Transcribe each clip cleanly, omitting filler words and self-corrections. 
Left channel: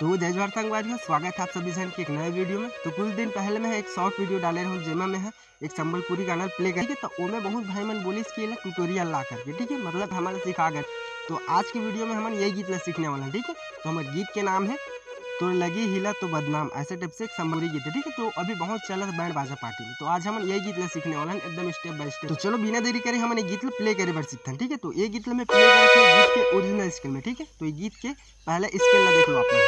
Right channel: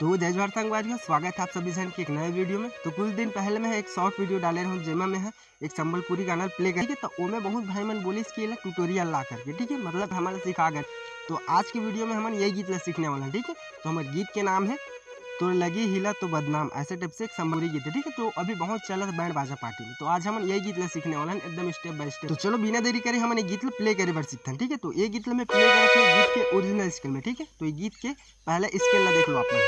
तो जय जवाहर संगवारियों, स्वागत है आप सभी जन के एक नए वीडियो में। तो कुछ दिन पहले मैं एक शॉर्ट वीडियो डाले रहा हूँ जेमा में है एक संबलपुरी गाना प्ले करके। तो ओमे बहुत भाई मन बोली इसकी ट्यूटोरियल ला करके, ठीक है, मतलब हमारे सिखा गए। तो आज की वीडियो में हम यही गीत ला सीखने वाला है, ठीक है। तो हमारे गीत के नाम है तो लगी हिला तो बदनाम, ऐसे टाइप से एक संबलपुरी गीत है, ठीक है। तो अभी बहुत चला था बैंड बाजा पार्टी में। तो आज हम यही गीत ला सीखने वाला है एकदम स्टेप बाय स्टेप। तो चलो बिना देरी करे हम गीत ला प्ले करे बार सीखते हैं, ठीक है। तो ये गीत ला मैं प्ले करे थे गीत के ओरिजिनल स्केल में, ठीक है। तो ये गीत के पहले स्केल ला देख लो आप लोग।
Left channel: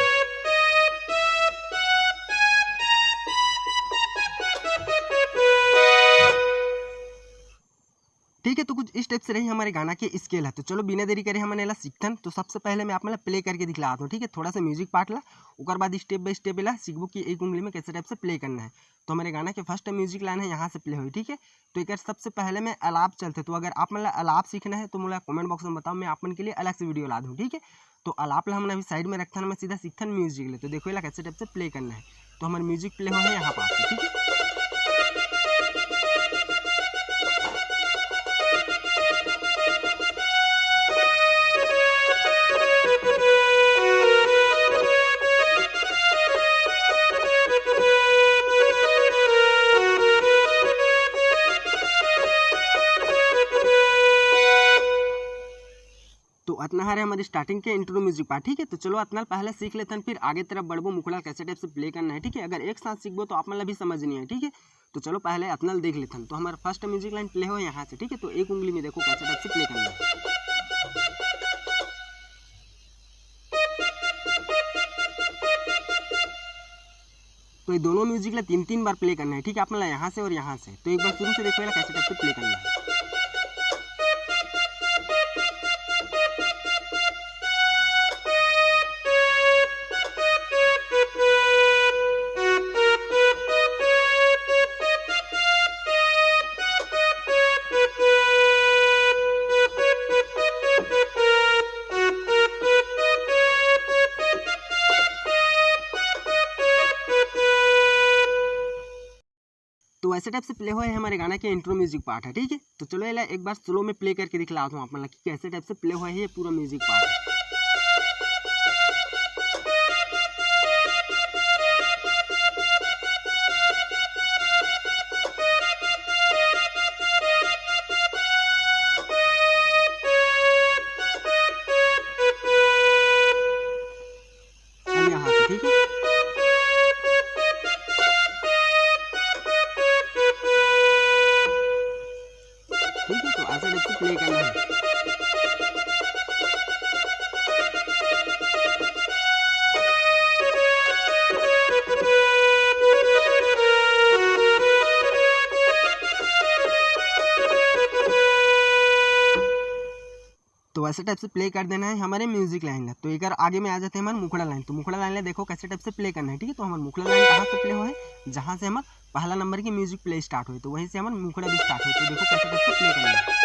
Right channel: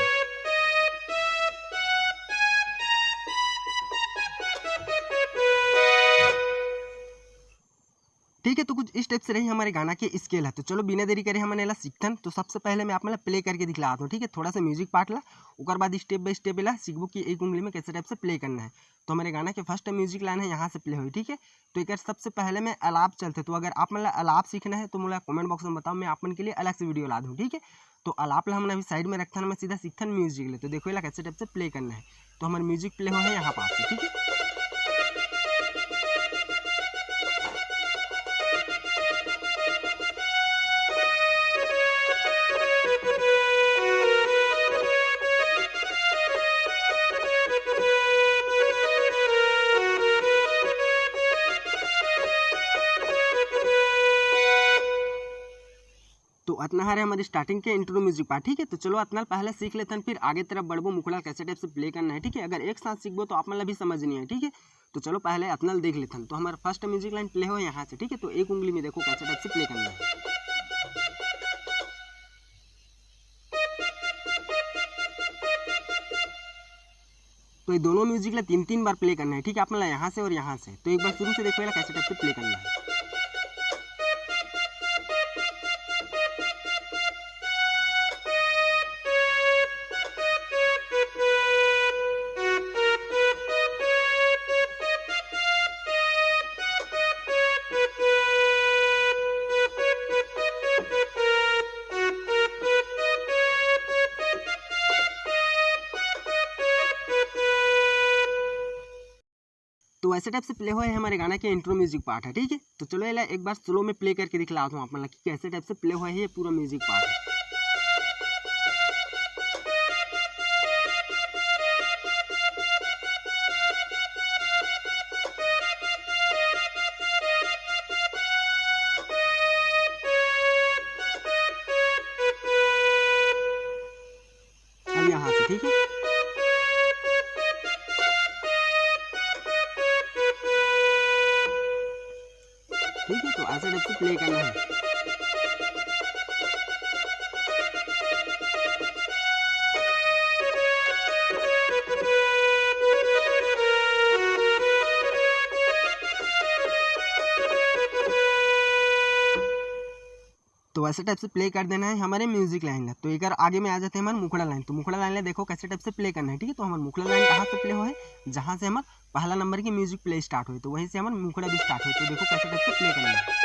ठीक है, तो कुछ इस टाइप से रही हमारे गाना के स्केल है। तो चलो बिना देरी करे हमने ला सीखतन। तो सबसे पहले मैं आप प्ले करके दिखलाता हूँ, ठीक है। थोड़ा सा म्यूजिक पार्ट ला, उसके बाद स्टेप बाय स्टेप ला सीखबो कि एक उंगली में कैसे टाइप से प्ले करना है। तो हमारे गाना के फर्स्ट म्यूजिक लाइन है यहाँ से प्ले हुई, ठीक है। तो एक सबसे पहले मैं अलाप चलते। तो अगर आप मतलब अलाप सीखना है तो मुझे कमेंट बॉक्स में बताओ, मैं अपन के लिए अलग से वीडियो ला दूँ, ठीक है। तो अलाप ला हमने अभी साइड में रखा, मैं सीधा सीखता म्यूजिक ले। तो देखो ये कैसे टाइप से प्ले करना है। तो हमारे म्यूजिक प्ले हो है यहाँ पास से, ठीक है। तो अतना है हमारी स्टार्टिंग के इंट्रो म्यूजिक पार्ट, ठीक है। तो चलो अतना पहले सीख लेते हैं, फिर आगे तरफ बढ़बो मुखड़ा कैसे टाइप से प्ले करना है, ठीक है। अगर एक साथ सीखबो तो आप मतलब भी समझ नहीं है, ठीक है। तो चलो पहले अतना देख लेते हैं। तो हमारा फर्स्ट म्यूजिक लाइन प्ले हो यहाँ से, ठीक है। तो एक उंगली में देखो कैसे टाइप से प्ले करना है। तो ये दोनों म्यूजिक ला 3-3 बार प्ले करना है, ठीक है। आप मतलब यहाँ से और यहाँ से। तो एक बार शुरू से देखो कैसे टाइप से प्ले करना है। तो ऐसे टाइप से प्ले हुआ है हमारे गाना के इंट्रो म्यूजिक पार्ट है, ठीक है। तो चलो ये एक बार स्लो में प्ले करके दिखलाता हूँ आप मतलब कि कैसे टाइप से प्ले हुआ है ये पूरा म्यूजिक पार्ट है। अब यहाँ से, ठीक है। ठीक है, तो ऐसे टाइप से प्ले करना है। तो ऐसे टाइप से प्ले कर देना है हमारे म्यूजिक लाइन ला। तो एक बार आगे में आ जाते हैं हमारे मुखड़ा लाइन। तो मुखड़ा लाइन ला देखो कैसे टाइप से प्ले करना है, ठीक है। तो हमारे मुखड़ा लाइन कहाँ से प्ले हो है, जहाँ से हमारा पहला नंबर की म्यूजिक प्ले स्टार्ट हुई, तो वहीं से हमारा मुखड़ा भी स्टार्ट हुई। तो देखो कैसे टाइप से प्ले करना है।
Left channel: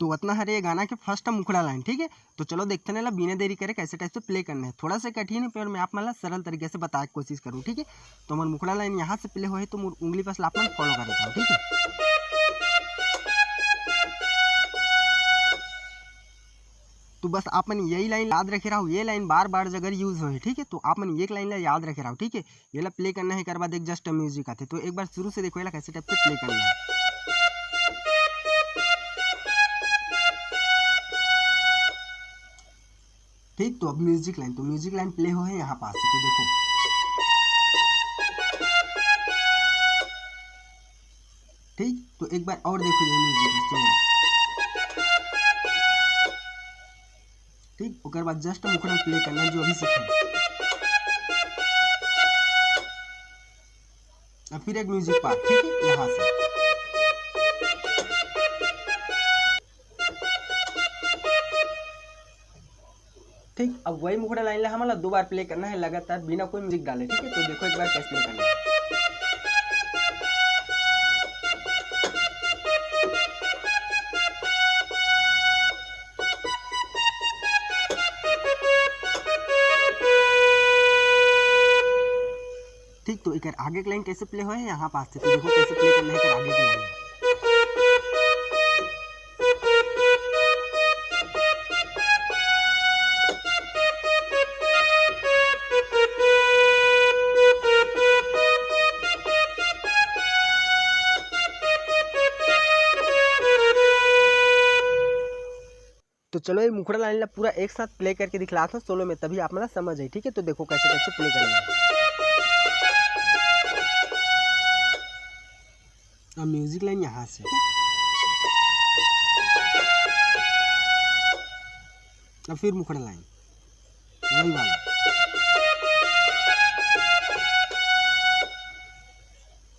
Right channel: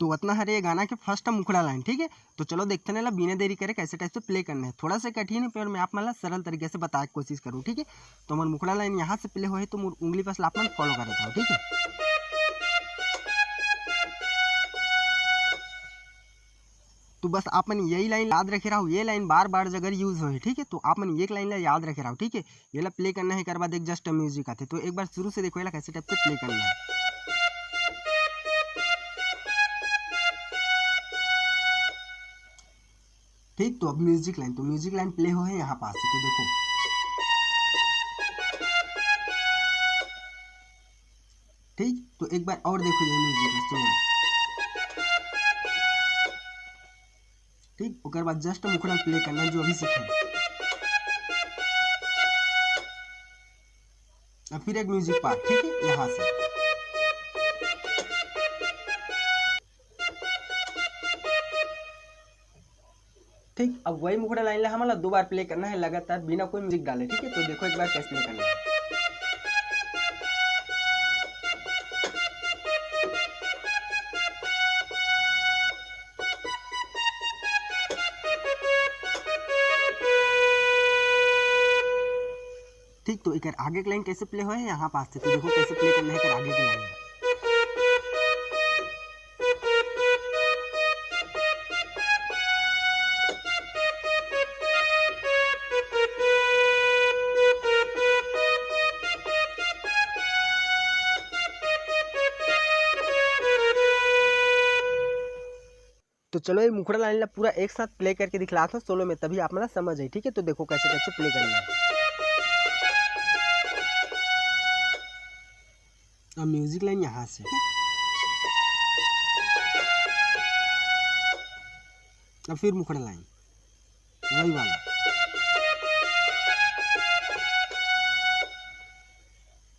तो उतना है ये गाना के फर्स्ट मुखड़ा लाइन, ठीक है। तो चलो देखते हैं बिना देरी करे कैसे टाइप से प्ले करना है। थोड़ा सा कठिन है पर मैं आप मतलब सरल तरीके से बताने की कोशिश करूँ, ठीक है। तो हमारे मुखड़ा लाइन यहाँ से प्ले हो है, तो उंगली पर आप फॉलो कर देता हूँ, ठीक है। तो बस आप मन यही लाइन याद रखे रहो, ये लाइन बार बार अगर यूज हो, ठीक है। तो आप मन एक लाइन ला याद रखे रहो, ठीक है। ये ला प्ले करना है, एक बाद एक जस्ट म्यूजिक आते। तो एक बार शुरू से देखो ये कैसे टाइप से प्ले करना है। ठीक, तो अब म्यूजिक लाइन, तो म्यूजिक लाइन प्ले हो है यहाँ पास से। तो देखो ठीक, तो एक बार और देखो ये म्यूजिक सुनो, ठीक। उसके बाद जस्ट मुखड़ा प्ले करना जो अभी सीखे। अब फिर एक म्यूजिक पार्ट, ठीक है, यहाँ से। ठीक, अब वही मुखड़ा लाइन ला हमारा 2 बार प्ले करना है लगातार बिना कोई म्यूजिक डाले। ठीक है, तो देखो एक बार कैसे प्ले करना है। ठीक, तो एक आगे की लाइन कैसे प्ले हो है यहाँ पास से, तो देखो कैसे प्ले करना है एक आगे की लाइन। तो चलो ये मुखड़ा लाइन ला पूरा एक साथ प्ले करके दिखलाता हूँ सोलो में, तभी आप मतलब समझ आई। ठीक है, तो देखो कैसे कैसे प्ले करना है। अब म्यूजिक लाइन यहाँ से, अब फिर मुखड़ा लाइन वही वाला,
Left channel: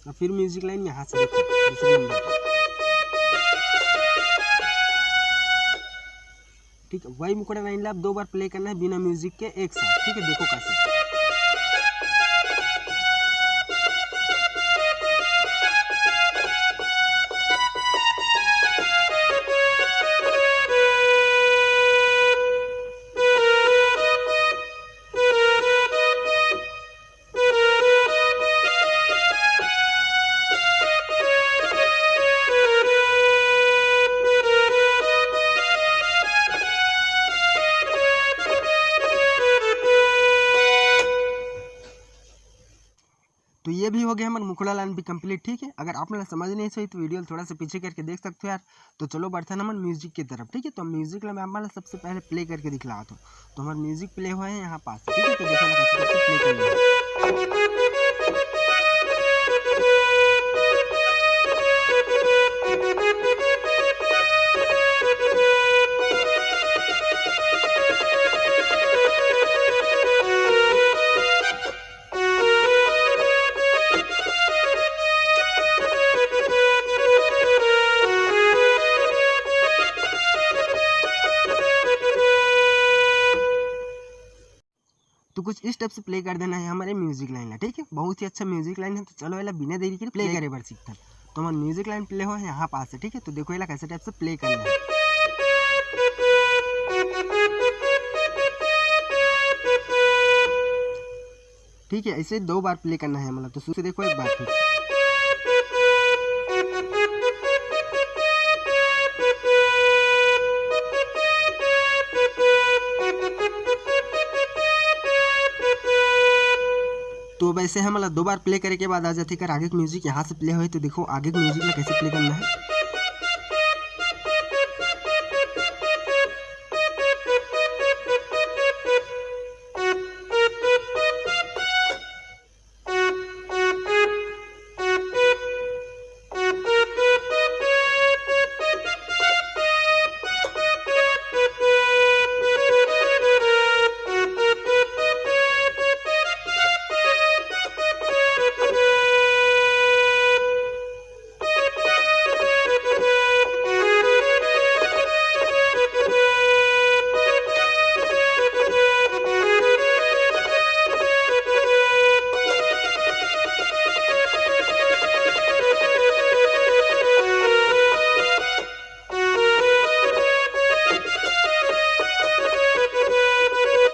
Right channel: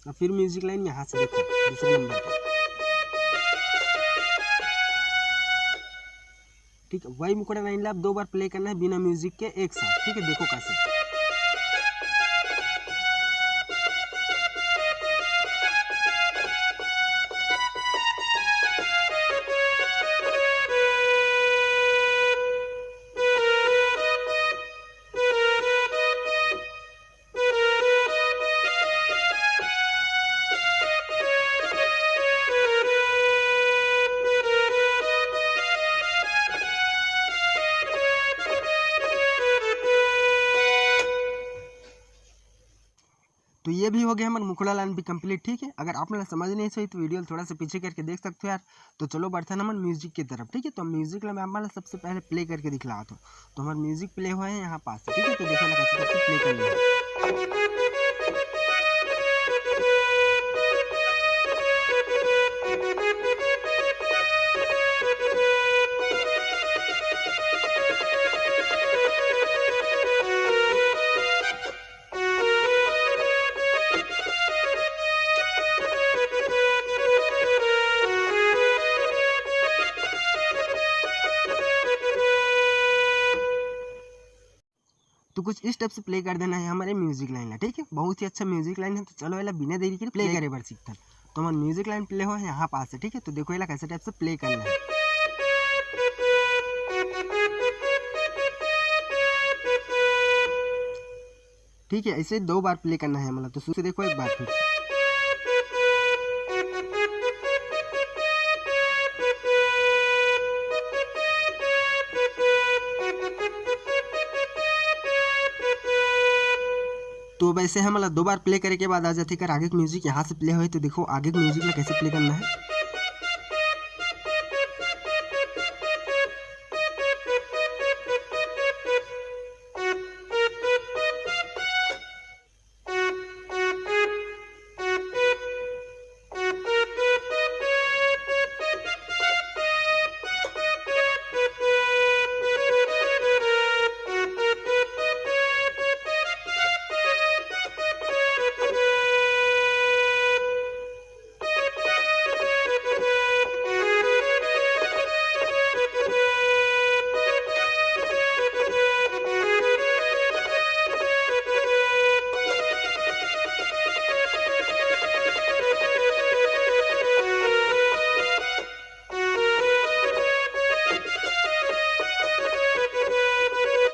अब फिर म्यूजिक लाइन यहाँ से देखो दूसरे नंबर पर। ठीक है, वही मुखड़ा लाइन ला 2 बार प्ले करना है बिना म्यूजिक के एक साथ। ठीक है, देखो कैसे। तो ये भी हो गया हमारा मुखड़ा लाइन भी कंप्लीट। ठीक है, अगर आप लोग समझ नहीं सही तो वीडियो थोड़ा सा पीछे करके देख सकते हो यार। तो चलो बढ़ते हैं हमारे म्यूजिक की तरफ। ठीक है, तो म्यूजिक मैं हमारा सबसे पहले प्ले करके दिखला था, तो हमारा म्यूजिक प्ले हुआ है यहाँ पास। ठीक है, तो देखो ना कैसे कैसे प्ले करना है। तो कुछ इस टाइप से प्ले कर देना है हमारे म्यूजिक लाइन है। ठीक है, बहुत ही अच्छा म्यूजिक लाइन है। तो चलो एला बिना देरी के प्ले करे बार सीखता। तो हमारा म्यूजिक लाइन प्ले हो है यहाँ पास है। ठीक है, तो देखो एला कैसे टाइप से प्ले करना है। ठीक है, ऐसे 2 बार प्ले करना है मतलब। तो शुरू से देखो एक बार फिर। तो वैसे हम 2 बार प्ले करे के बाद आ जाते कर आगे म्यूजिक यहाँ से प्ले हो। तो देखो आगे म्यूजिक ला कैसे प्ले करना है।